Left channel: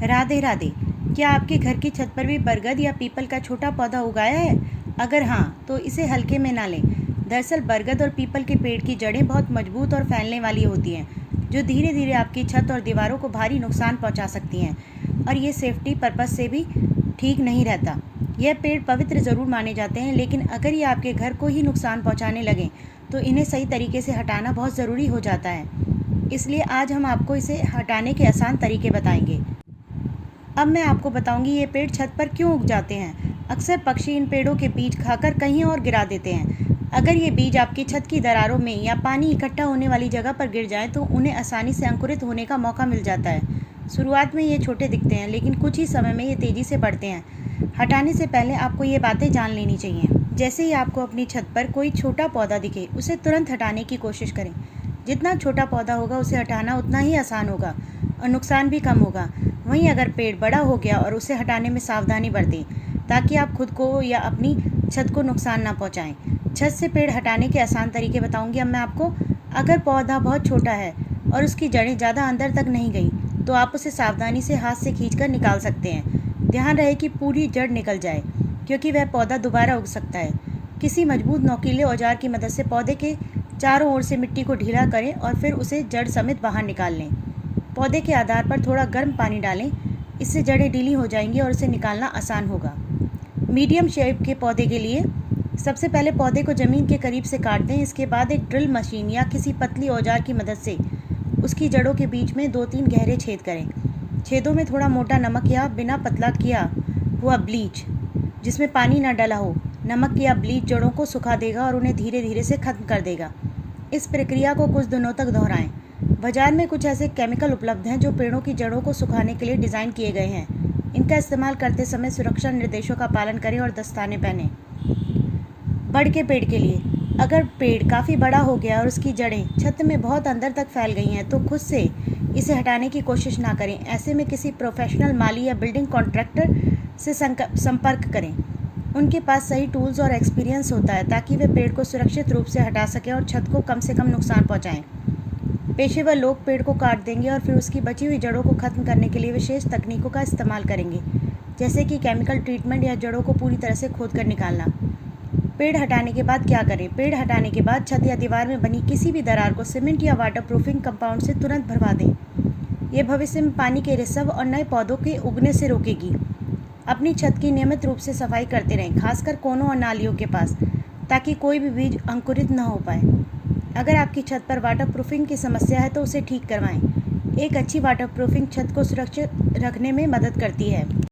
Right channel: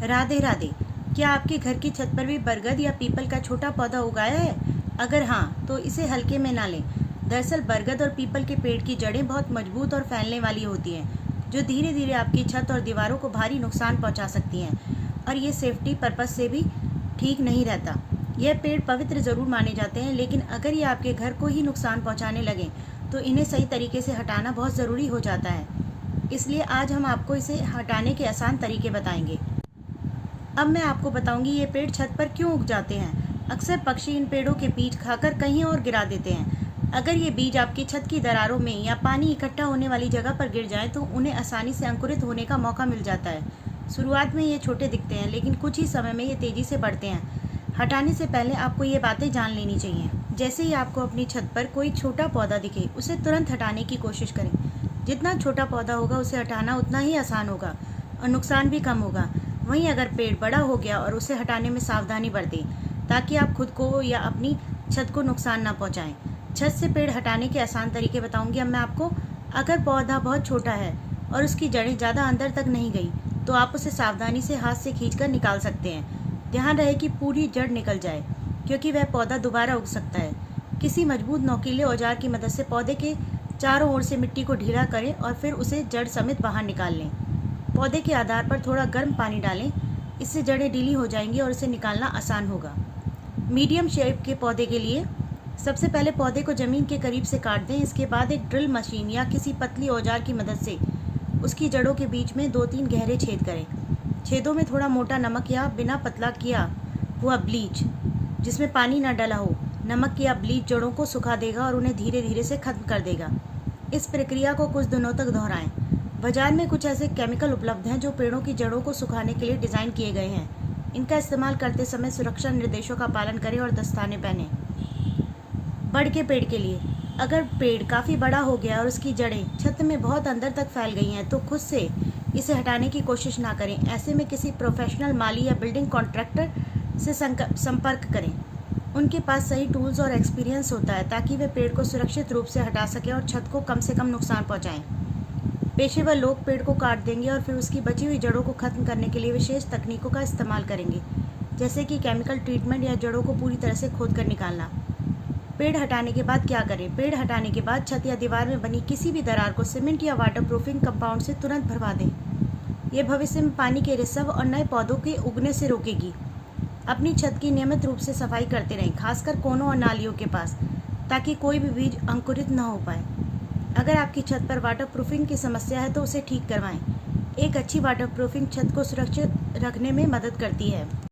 राधे राधे। क्या आपके घर की छत पर भी बरगद या पीपल का छोटा पौधा उगाया है? अगर हाँ, तो इसे हल्के में ना लें। दरअसल बरगद और पीपल के पेड़ की जड़ें बहुत मजबूत और फैलने वाली होती हैं, जो धीरे धीरे आपकी छत और दीवारों को भारी नुकसान पहुंचा सकती हैं, और ये सेफ्टी पर्पस से भी ठीक नहीं रहता। यह पेड़ पवित्र ज़रूर माने जाते हैं, लेकिन अगर ये आपके घर को ही नुकसान पहुंचाने लगें तो इन्हें सही तरीके से हटाना बहुत ज़रूरी हो जाता है। इसलिए आज हम आपको इसे हटाने के आसान तरीके बताएंगे। अब मैं आपको बताऊंगी ये पेड़ छत पर क्यों उग जाते हैं। अक्सर पक्षी इन पेड़ों के बीज खाकर कहीं और गिरा देते हैं। अगर ये बीज आपकी छत की दरारों में या पानी इकट्ठा होने वाली जगह पर गिर जाएं तो उन्हें आसानी से अंकुरित होने का मौका मिल जाता है। शुरुआत में ये छोटे दिखते हैं, लेकिन कुछ ही समय में ये तेज़ी से बढ़ते हैं। हटाने से पहले आपको ये बातें जान लेनी चाहिए। जैसे ही आपको अपनी छत पर कोई छोटा पौधा दिखे, उसे तुरंत हटाने की कोशिश करें। जितना छोटा पौधा होगा उसे हटाना उतना ही आसान होगा और नुकसान भी कम होगा। वहीं अगर पेड़ बड़ा हो गया और उसे हटाने में सावधानी बरतें, ताकि आप खुद को या अपनी छत को नुकसान ना पहुंचाएं। छत से पेड़ हटाने के आसान तरीके बताऊंगी अब मैं आपको। अगर पौधा बहुत छोटा है और उसकी जड़ें ज़्यादा अंदर तक नहीं गई, तो आप उसे सावधानी से हाथ से खींचकर निकाल सकते हैं। ध्यान रहे कि पूरी जड़ निकल जाए, क्योंकि वह पौधा दोबारा उग सकता है। किसी मजबूत नोकीले औजार की मदद से पौधे के चारों ओर से मिट्टी को ढीला करें और फिर उसे जड़ समेत बाहर निकाल लें। पौधे के आधार पर थोड़ा गर्म पानी डालें, इससे जड़ें ढीली हो जाएंगी और उसे निकालना आसान होगा। मीडियम शेप के पौधे के लिए सबसे पहले पौधे को ज़मीन के करीब से काट दें। इसके बाद एक ड्रिल मशीन या किसी पतली औजार की मदद से उसकी जड़ों के बीच में 2-3 गहरे छेद करें। छेदों में थोड़ा मोटा नमक या बिना पतला किया हुआ ब्लीच, जिसमें पानी न डला हो, नमक या ब्लीच जड़ों को सुखा देगा और उन्हें धीरे धीरे से खत्म कर देगा। इस प्रक्रिया को कुछ दिनों तक दोहराएं। बाजार में कुछ ऐसे केमिकल उपलब्ध हैं जो पेड़ों की जड़ों को सुखाने के लिए डिज़ाइन किए गए हैं। इनका इस्तेमाल करते समय सुरक्षा निर्देशों का पालन करें और दस्ताने पहनें। बड़ के पेड़ के लिए, अगर पेड़ काफ़ी बड़ा हो गया और उसकी जड़ें छत में बहुत अंदर तक फैल गई हैं, तो खुद से इसे हटाने की कोशिश ना करें। ऐसे में किसी प्रोफेशनल माली या बिल्डिंग कॉन्ट्रैक्टर से संपर्क करें। उनके पास सही टूल्स और एक्सपीरियंस होता है, ताकि वे पेड़ को सुरक्षित रूप से हटा सकें और छत को कम से कम नुकसान पहुंचाएं। पेशेवर लोग पेड़ को काट देंगे और फिर उसकी बची हुई जड़ों को खत्म करने के लिए विशेष तकनीकों का इस्तेमाल करेंगे, जैसे कि केमिकल ट्रीटमेंट या जड़ों को पूरी तरह से खोद कर निकालना। पेड़ हटाने के बाद क्या करें? पेड़ हटाने के बाद छत या दीवार में बनी किसी भी दरार को सीमेंट या वाटरप्रूफिंग कंपाउंड से तुरंत भरवा दें। यह भविष्य में पानी के रिसाव और नए पौधों के उगने से रोकेगी। अपनी छत की नियमित रूप से सफाई करते रहें, खासकर कोनों और नालियों के पास, ताकि कोई भी बीज अंकुरित न हो पाए। अगर आपकी छत पर वाटरप्रूफिंग की समस्या है तो उसे ठीक करवाएं। एक अच्छी वाटरप्रूफिंग छत को सुरक्षित रखने में मदद करती है।